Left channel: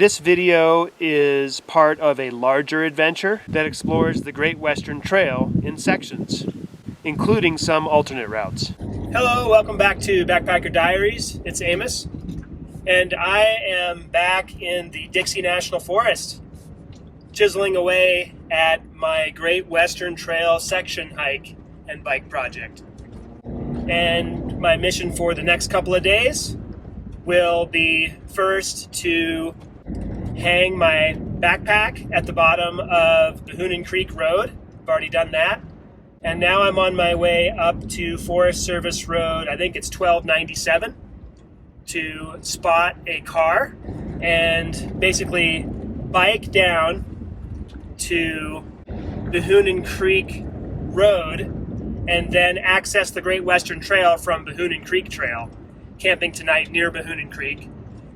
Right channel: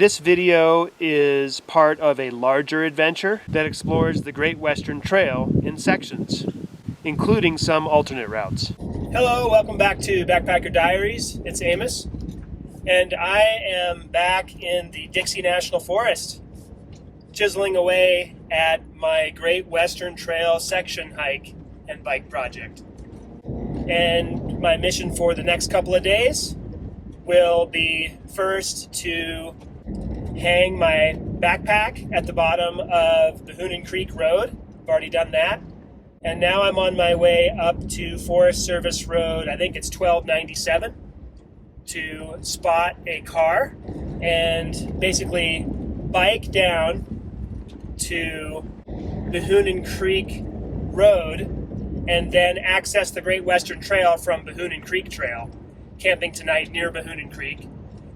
This video is part of a larger adventure that explores the Great Western Trail in sections, including some alternate routes. Hello, welcome back to Backpacker Diaries. It's Amos, and I am back in the Dixie National Forest, chiseling away at my Great Western Trail section hike and bike project. And my mission for the next couple of days will be first to hang my backpack at the bottom of Behunin Creek Road. I've already done that. And now I'm on my way up to Forest Service Road, I think it's 1297, to spot a car and basically bike down to Behunin Creek Road and then access the Great Western Trail from Behunin Creek Trail, camping tonight near Behunin Creek,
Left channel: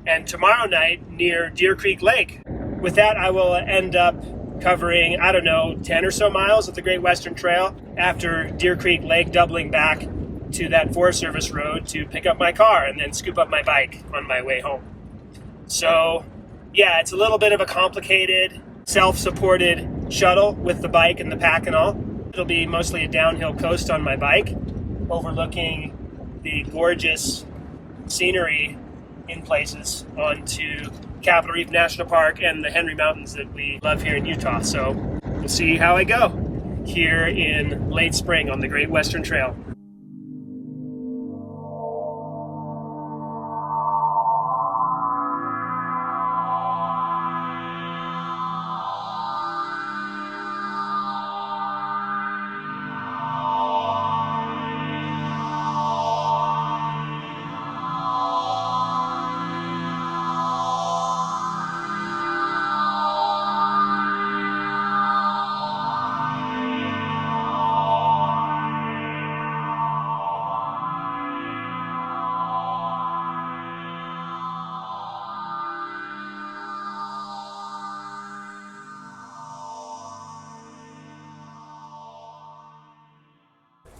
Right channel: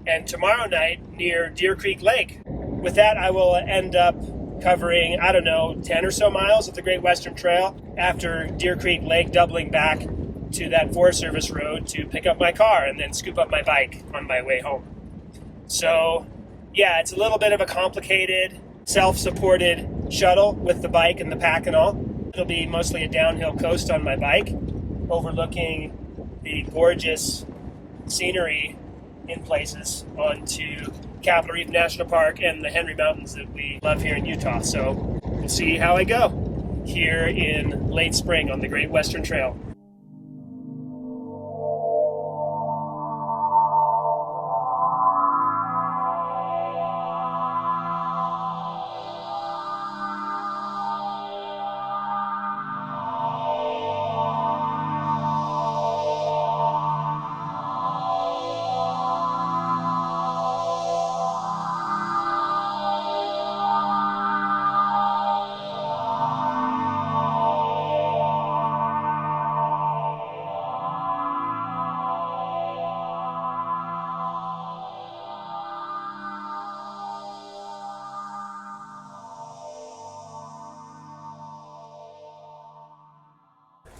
and tomorrow night near Deer Creek Lake. With that, I will end up covering, 10 or so miles of the Great Western Trail after Deer Creek Lake, doubling back to that Forest Service Road to pick up my car and then scoop up my bike on my way home. So yeah, it's a little bit of a complicated, self-supported shuttle with the bike and the pack and all. It'll be mostly a downhill coast on my bike, overlooking the gorgeous scenery in places onto Capitol Reef National Park and the Henry Mountains that we love here in Utah. So we'll see how I go here in late spring on the Great Western Trail.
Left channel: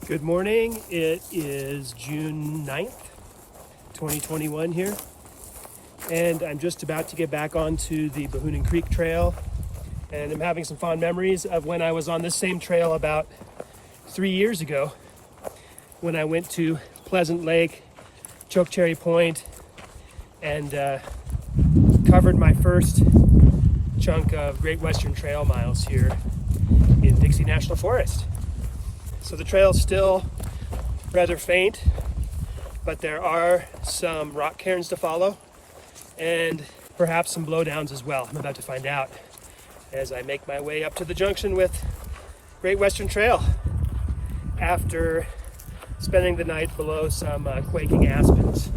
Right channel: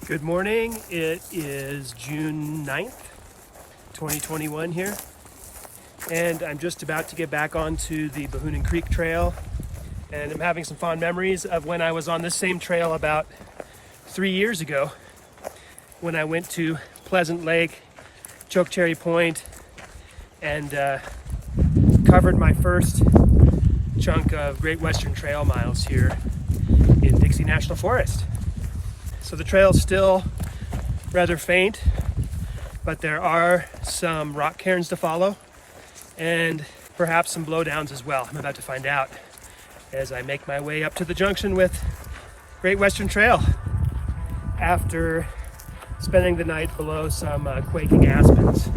Good morning. It is June 9th, 2021 here, and I'm just about to get back onto the Behunin Creek Trail, and I'm having some fond memories of when I was on this same trail about 3 years ago when I went to Pleasant Lake, Chokecherry Point, and covered my first chunk of Great Western Trail miles here in Dixie National Forest. So the trail's still rather faint, but there are some rock cairns to follow and perhaps some blowdowns as well. I'm about to find out as I make my way up to the junction with Great Western Trail after spending the night below some quaking aspens,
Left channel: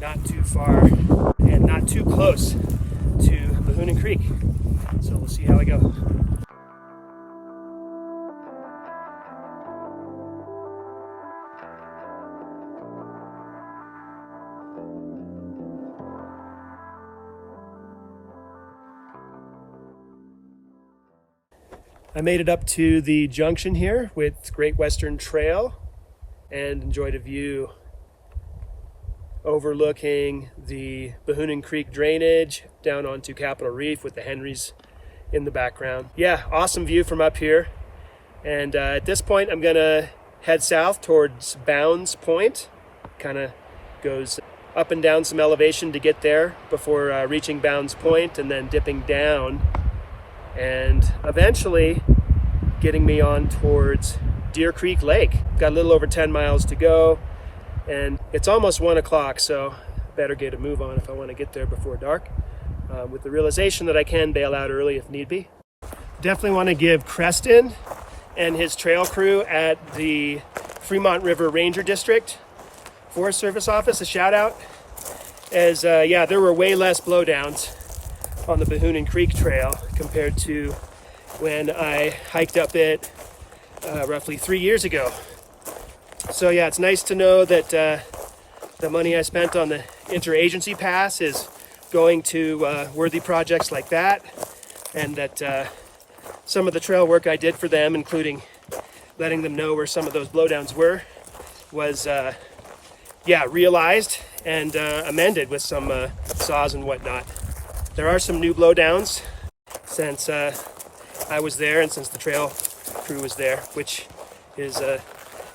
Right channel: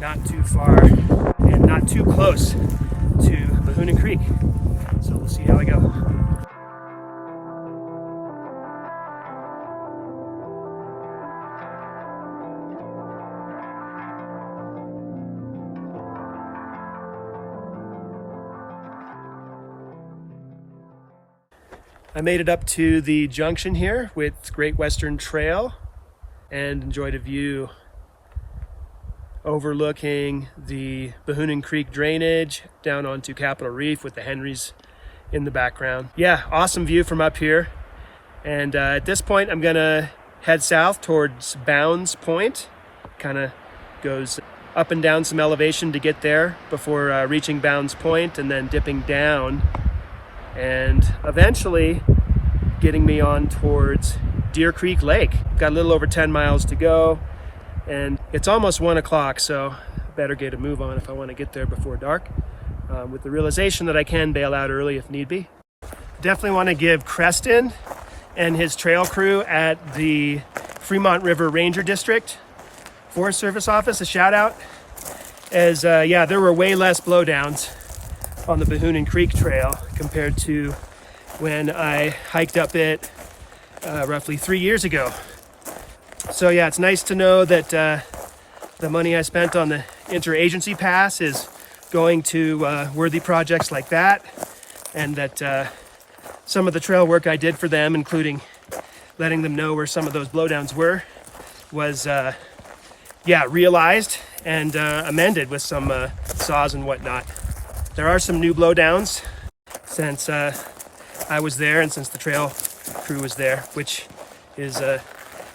not too far and not too close to Behunin Creek. So we'll see how I go. I made it up to the junction here with Great Western Trail and enjoyed a view overlooking the Behunin Creek drainage down onto Capitol Reef with the Henrys in the background. Yeah, awesome view from up here. And at this point, I'm gonna head south towards Bounds Point. Kind of goes up and down some elevation to get there before reaching Bounds Point and then dipping down and eventually getting me on towards Deer Creek Lake. Got a little over 10 miles to go, and it's almost 1 o'clock, so I better get a move on if I want to get there before dark, with the realization that I can bail out early if need be. Definitely want to give Creston and his trail crew at the Fremont River Ranger District Forest Service Office a shout out, as there were way less blowdowns on the Behunin Creek Trail compared to when I hiked up it roughly 3 years ago. So yeah, it's nice to know that the money I spent on the interagency pass is going to worthy projects like that, and that some of the trail work I did for them, including letting them know where some of those blowdowns were, was realized and amended with some saws and whatnot. There are some new blowdowns since I was there and since the trail crew was there, which is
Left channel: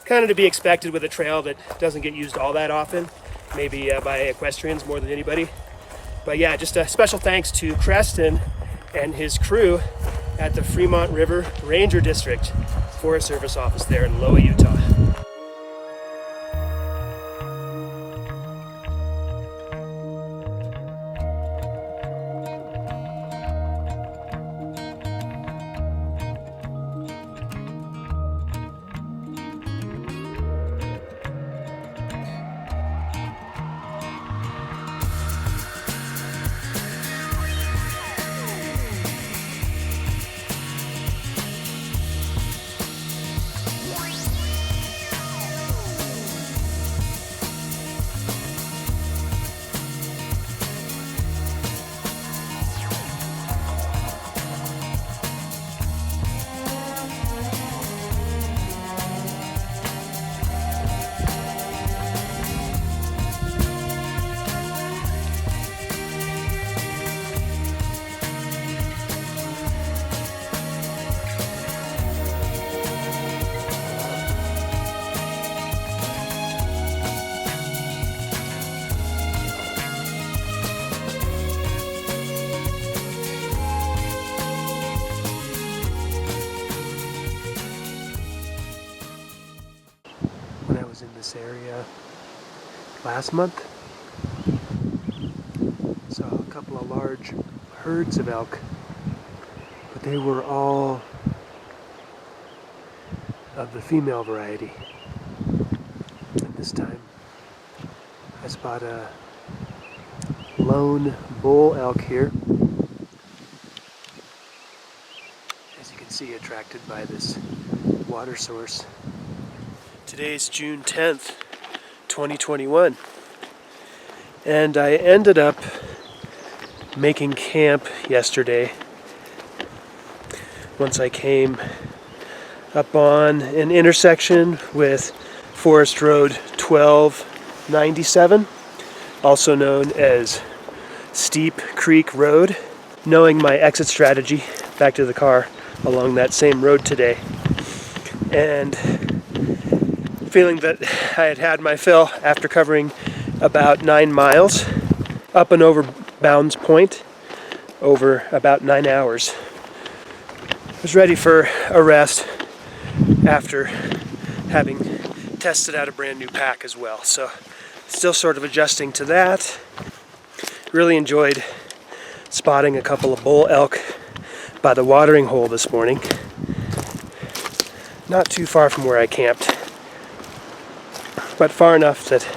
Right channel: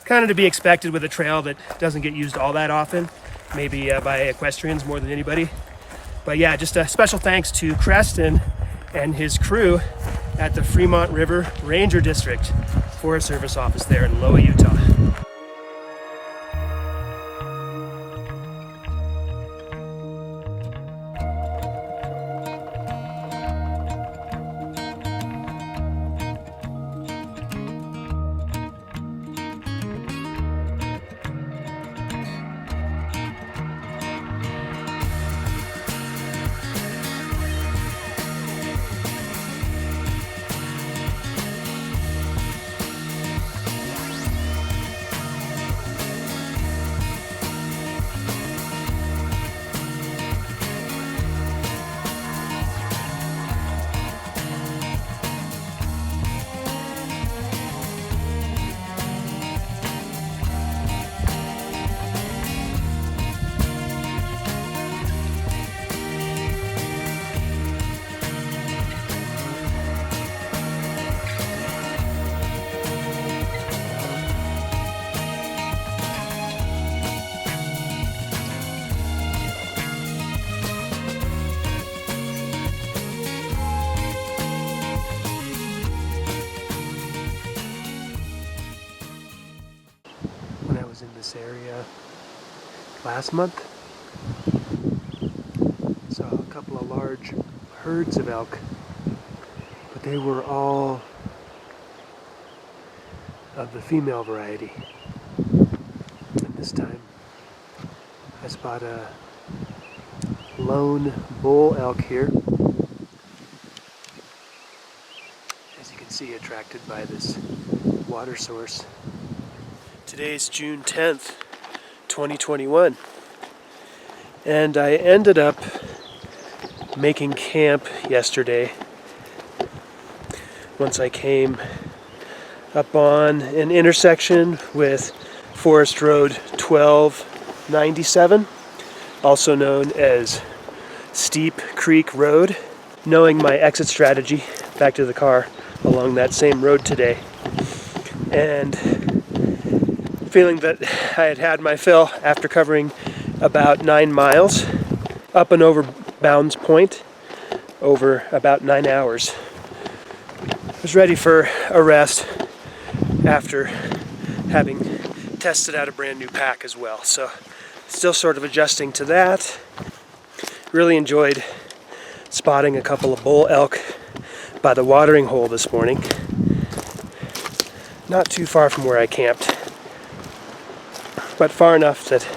kind of to be expected with a trail that doesn't get used all that often, maybe by equestrians more than anybody. But yeah, just a special thanks to Creston and his crew at the Fremont River Ranger District Forest Service office there in Loa, Utah. When I was in this area last month, saw a couple of large herds of elk, but they were all of the female variety. And this time I spot a lone bull elk here, as you can see, attracted by this water source. Today's June 10th, 2021, and I ended up making camp yesterday once I came up on an intersection with Forest Road 1297, also known as Steep Creek Road. Knowing my exit strategy back to the car along that same road today, and feeling that I had had my fill after covering about 9 miles up and over Bounds Point over about 9 hours. I was ready for a rest after having tested out a brand new pack as well, so still sort of adjusting to that. Really enjoyed spotting a couple of bull elk by the watering hole this morning, not too far from where I camped, but far enough that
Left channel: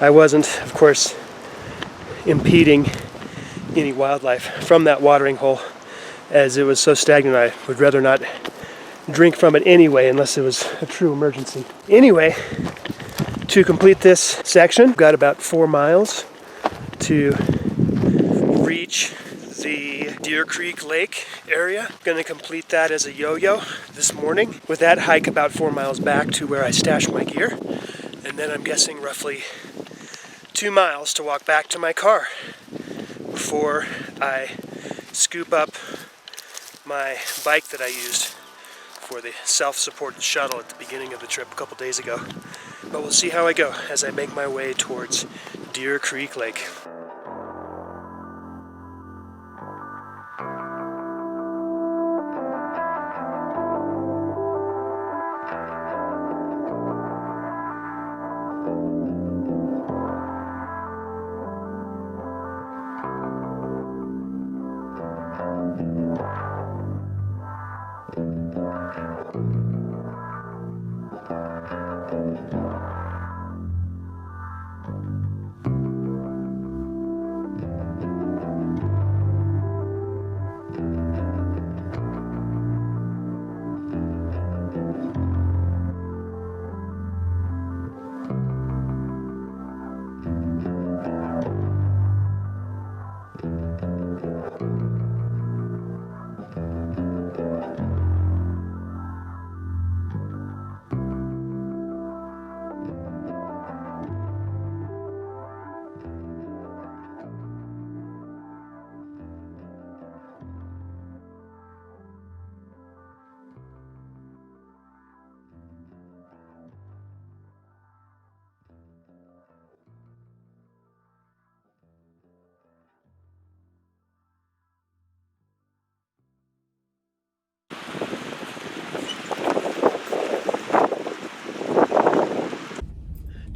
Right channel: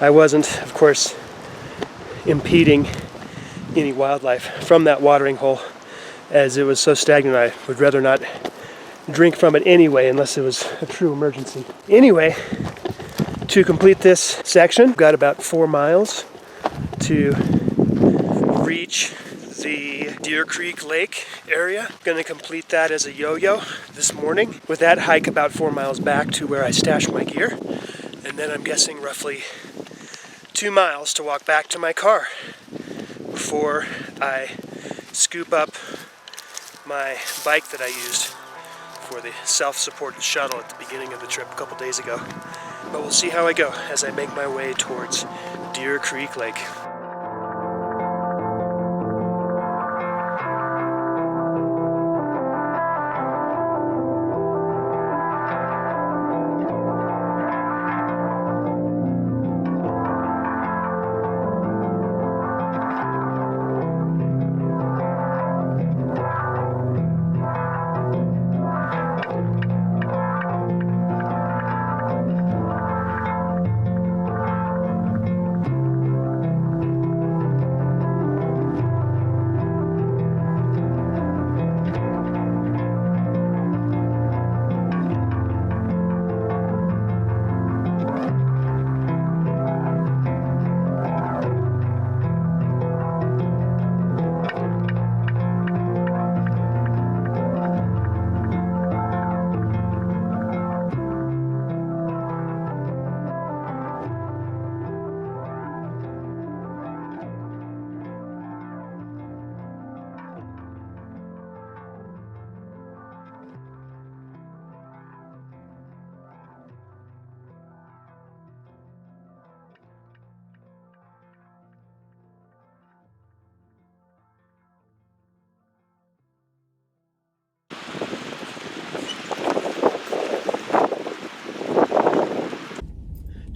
I wasn't, of course, impeding any wildlife from that watering hole, as it was so stagnant I would rather not drink from it anyway unless it was a true emergency. Anyway, to complete this section, I've got about 4 miles to reach the Deer Creek Lake area. Going to complete that as a yo-yo this morning. With that, hike about 4 miles back to where I stashed my gear, and then I'm guessing roughly 2 miles to walk back to my car before I scoop up my bike that I used for the self-supported shuttle at the beginning of the trip a couple days ago. But we'll see how I go as I make my way towards Deer Creek Lake.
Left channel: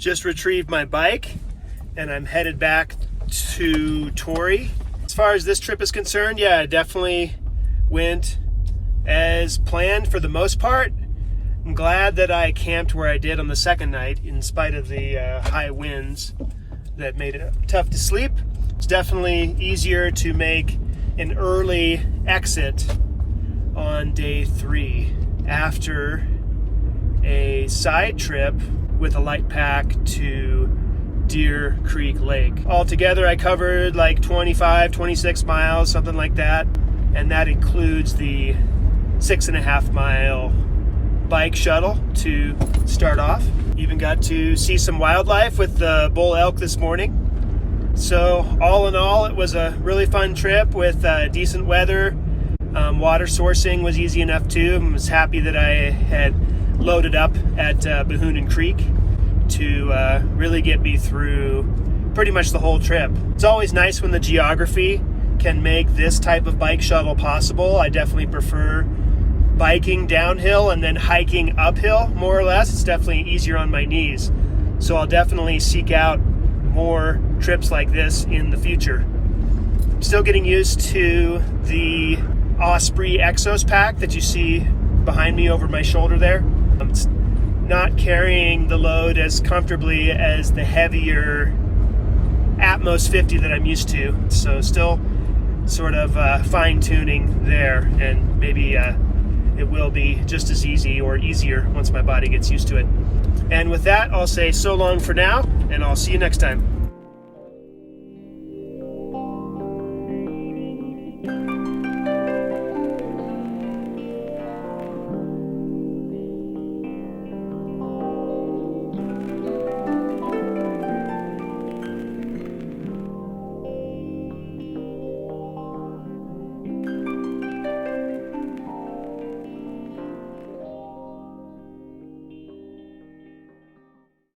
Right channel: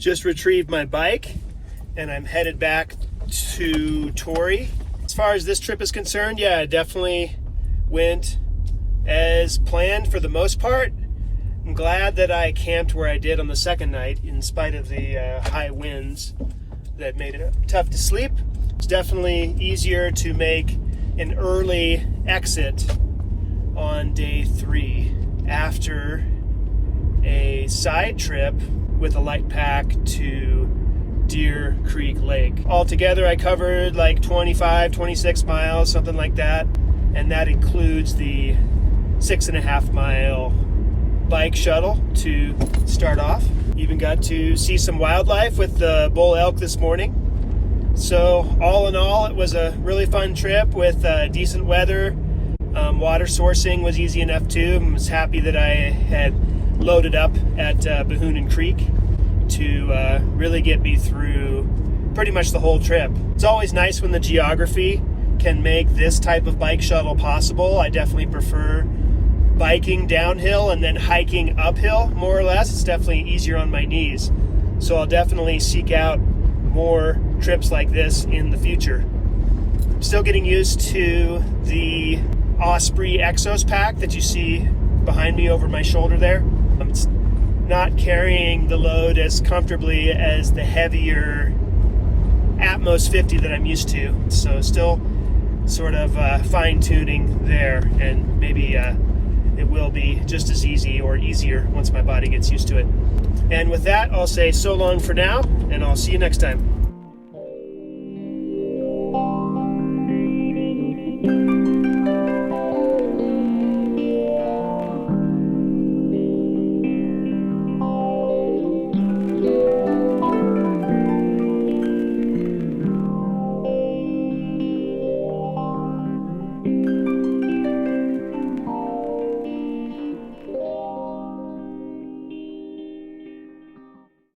Just retrieved my bike and I'm headed back to Torrey. As far as this trip is concerned, yeah, it definitely went as planned for the most part. I'm glad that I camped where I did on the second night in spite of the high winds that made it tough to sleep. It's definitely easier to make an early exit on day 3 after a side trip with a light pack to Deer Creek Lake. Altogether, I covered like 25, 26 miles, something like that. And that includes the 6.5 mile bike shuttle to start off. Even got to see some wildlife with the bull elk this morning. So all in all, it was a really fun trip with decent weather. Water sourcing was easy enough too. I was happy that I had loaded up at Behunin Creek to really get me through pretty much the whole trip. It's always nice when the geography can make this type of bike shuttle possible. I definitely prefer biking downhill and then hiking uphill, more or less. It's definitely easier on my knees. So I'll definitely seek out more trips like this in the future. I'm still getting used to the Osprey Exos pack that you see behind me over my shoulder there. It's not carrying the load as comfortably as the heavier Atmos 50 that I'm used to. So still sort of fine-tuning there, and maybe it will be just as easy or easier once my body gets used to it. And with that, I'll say so long for now, and I'll see you next time.